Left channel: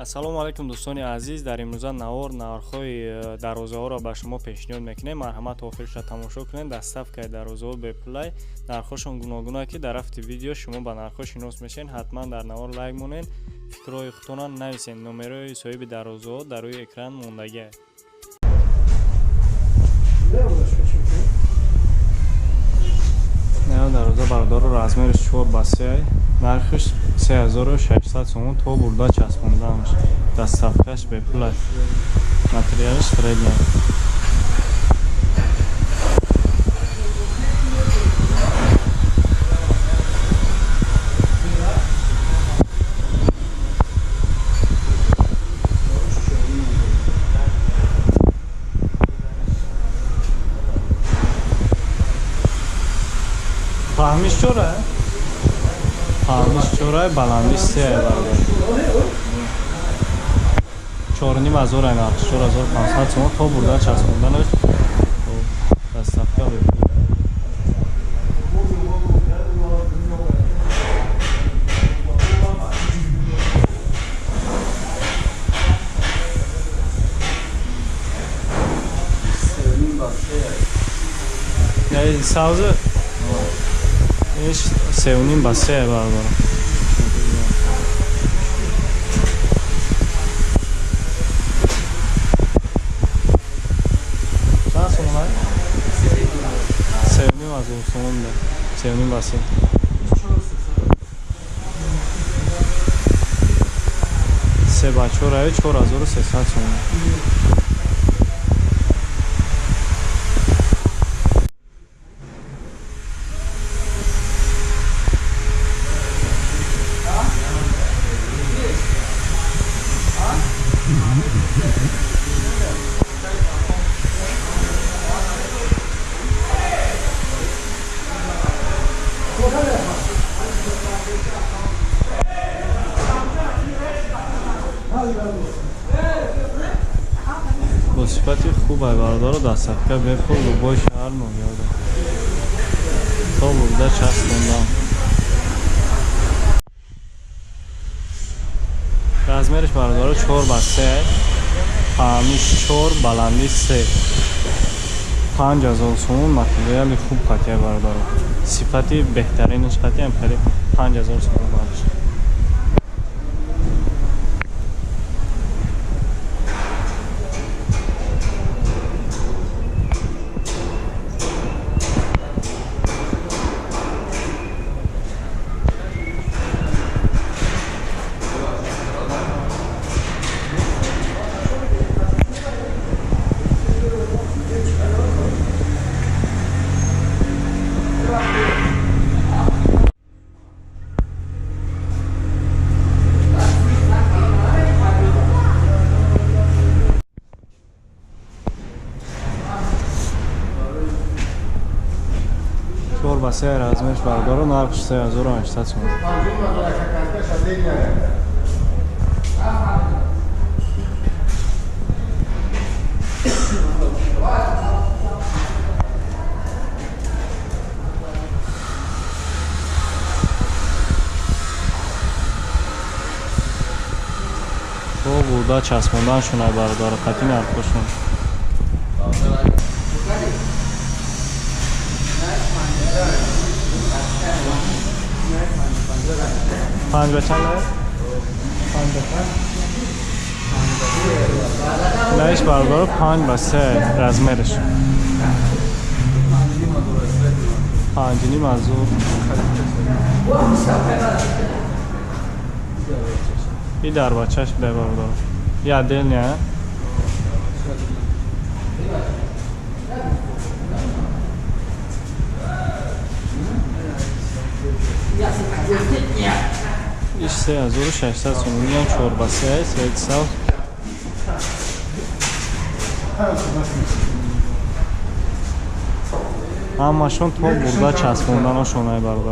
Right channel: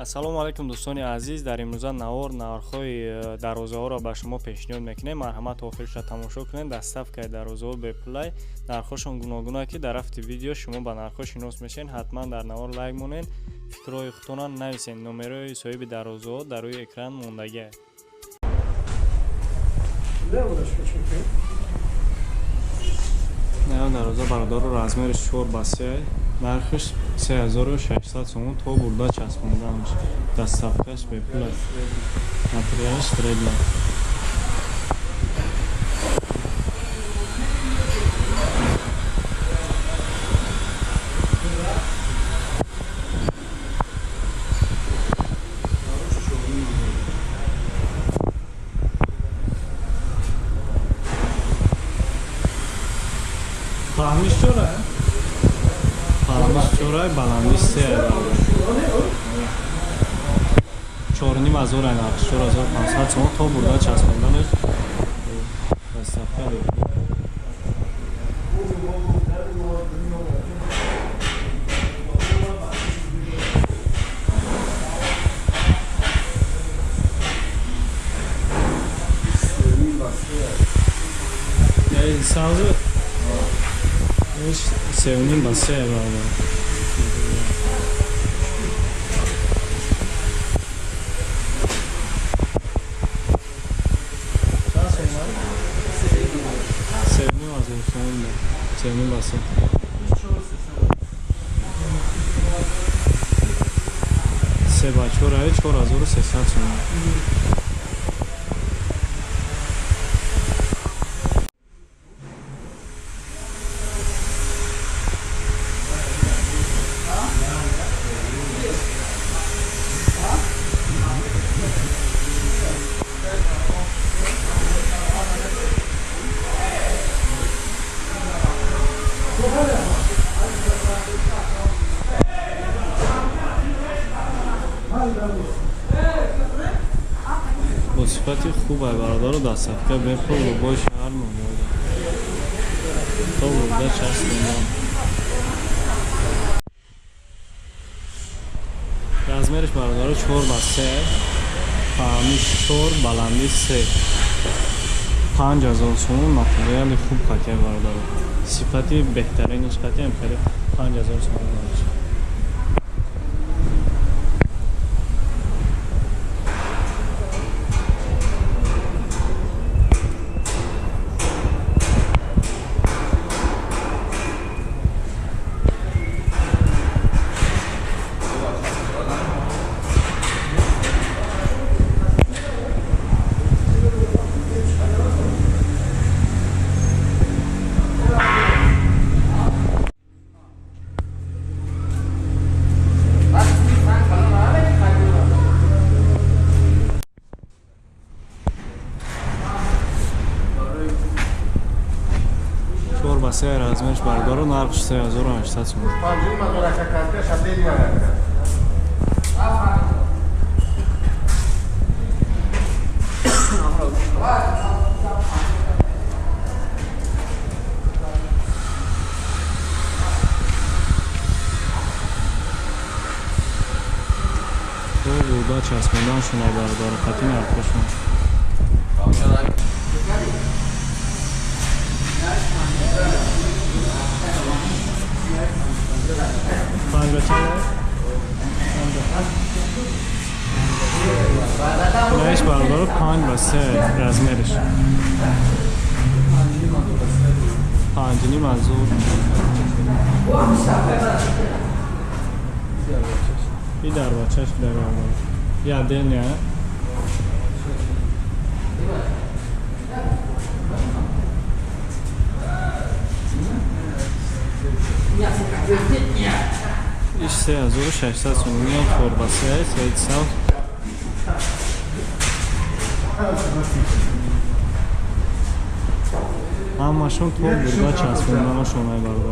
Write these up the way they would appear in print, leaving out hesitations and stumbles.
ассалому алайкум дӯстони азиз, дар имрӯза нархҳои дарозаҳоро ба шумо пешниҳод мекунем. Марҳамат охирша тамошо кунед. Дар сафкаи дарозаҳо бепулай нархҳошон гуногуна ки дар рафти видео шумо ба нархҳо шинос мешавед. ҳатман дар навор лайк монед, фикрҳои худтонро нависед. номерои соҳиби дарозаҳо дар рӯи экран мондагиаст. дароза бародаро размериш 4x3, нархиш 3600 сомон то бурда часпонданаш. Дастсафкаш бепулай. Материалиш средняя. Фаҳмиш чорае? Фаҳмиш чорае, баландиш 3 бародар. 4500 ай нархш, 4500 сомон то бурда часпонданаш. Дастсафка бепул. Я сауза سه با سه برابر. چند سومه؟ سه از اون سومه. سه با سه. سه با 4300 سومه. با صفتی خوب های برادر رو دستفکه بپل و بای شهر نمیاده تا برده چست کندم. رزمرش برادر 4x3، فهمیش 4، بلندی 3. 5000 سومون متریال خوب قطعه برادر رو. صفتی بهترینش قطعه هم خیلی 5000 سومون بارش. سه رزمش برادر نرخش 3800 سومه. تو بودا چسبوندن شونه برادر قطعی نرخشون. پنج به چنده؟ نهیش برادر 5x3 رزمرش 5.5 منظور این در بچهش بده برادر یه دل نه ایش 3600 سومونی هم 4x3 سید ساو همشون تو برده چسبوندن ها شونه برادر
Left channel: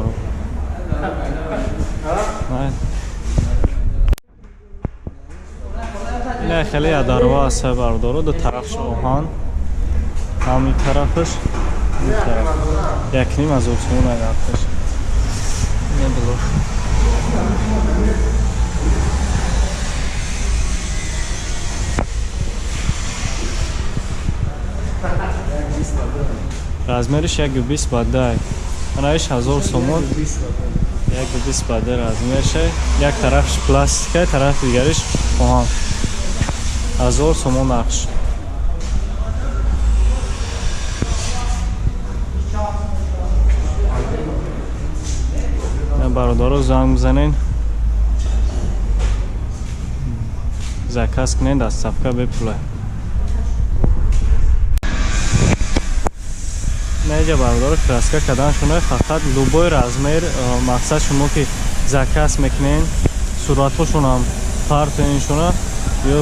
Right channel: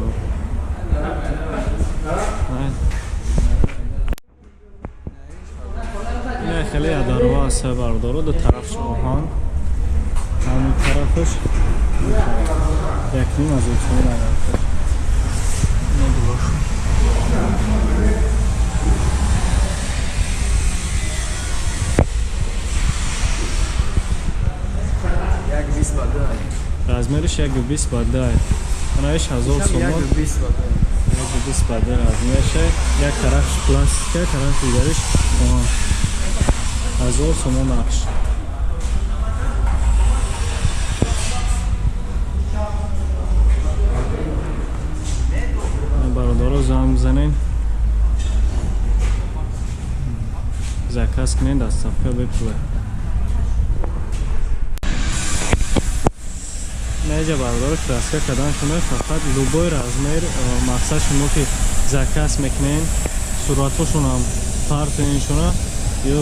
این خیلی اداروا هست برادر دو طرفش آهان همین طرفش یک نیم از اون نگفتش размериш 1:20 ба 10. Анаиш 1000 сомон. 1:20 ба 10 размериш. Як тарафш пластика, тараф дигариш оҳан. 1000 сомон нархш. Бародаро занг бизанен. Заказ кунен, доставка бепулай. Неҷа бародаро краска кадан шуна фақат любой размер мақсад шумо ки заказ мекунен суратҳошон ҳам партоин шуна ё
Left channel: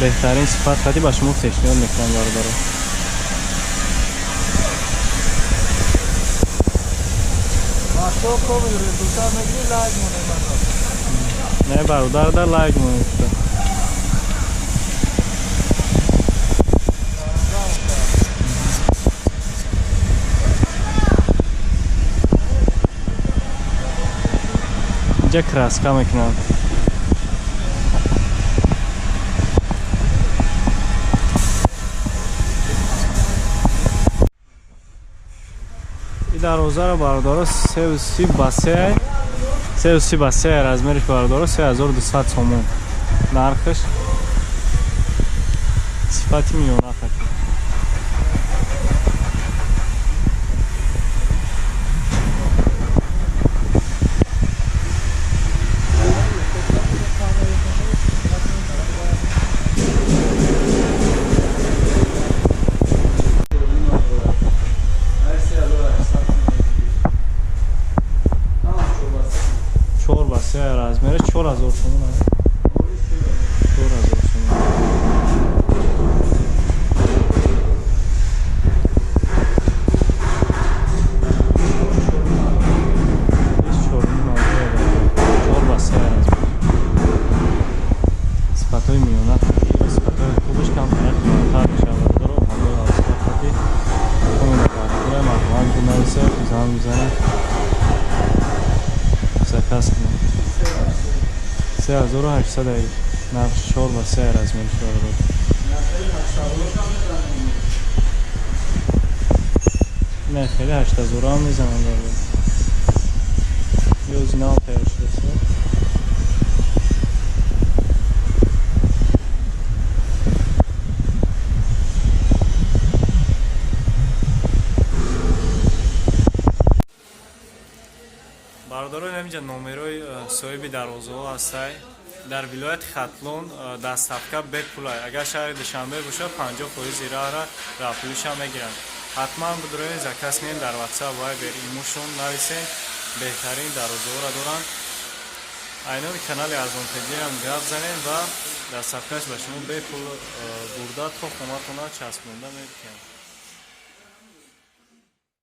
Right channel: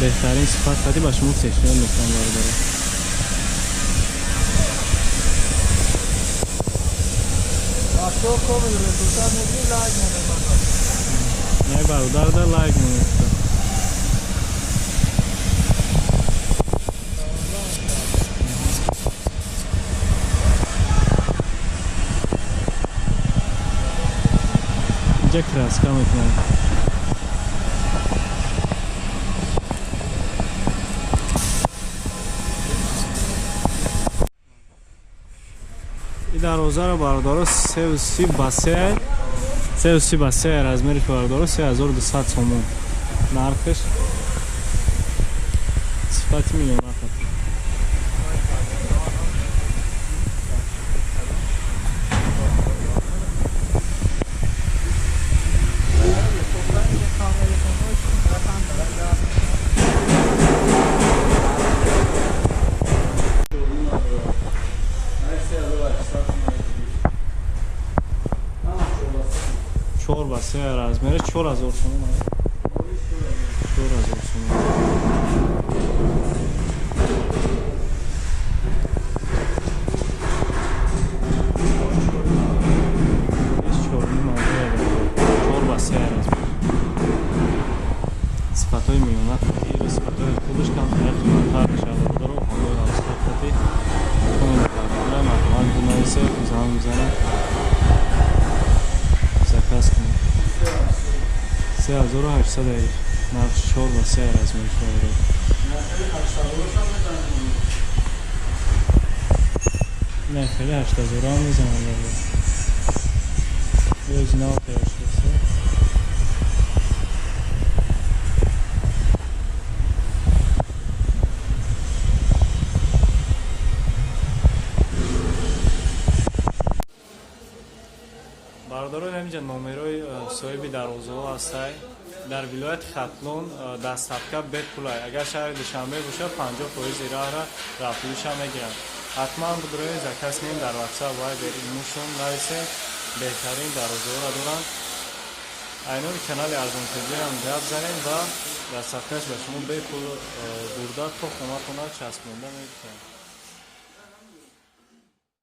беҳтарин сифат хати ба шумо пешниҳод мекунам бародаро. Не бародар дар лайк монеста. Инҷа краска мекунам. ин дарозаро бародаро 330 ба 3 330 ба 3 размериш бародаро 3200 сомон. Нархш сифати миёна хати. چهار با 3 размериш 4000 сомон аст. 4000 сомон. Иш 4 با 3 размер. сифатҳои миёна хати, сифатҳои хубаш кам тар мешавад. Даро ҳамои авсқа хати. Комент кардара марҳамат бинависе, занг бизанед. Заказ кунед. 3800 аир. Нархш 4 ба 3 размериш бародаро. Не, хеле 8000 ҳам мезанам бародаро. Ё зинал тайёр шудааст. бародаро намиҷа номерои соҳиби дарозаҳо ҳастай. Дар вилояти Хатлон доставка бепулай. Агар шаҳри Душанбе бошад 50% ираъра рафтуиша мегиранд. ҳатман бидроен заказ кунед, дар WhatsApp Viber имошон нависен. беҳтарин дарозаҳоро доранд. айнони канали арзонтегиам гап занед ва доставкаш ба шумо бепул бурда то хонатона часпонда мекунад.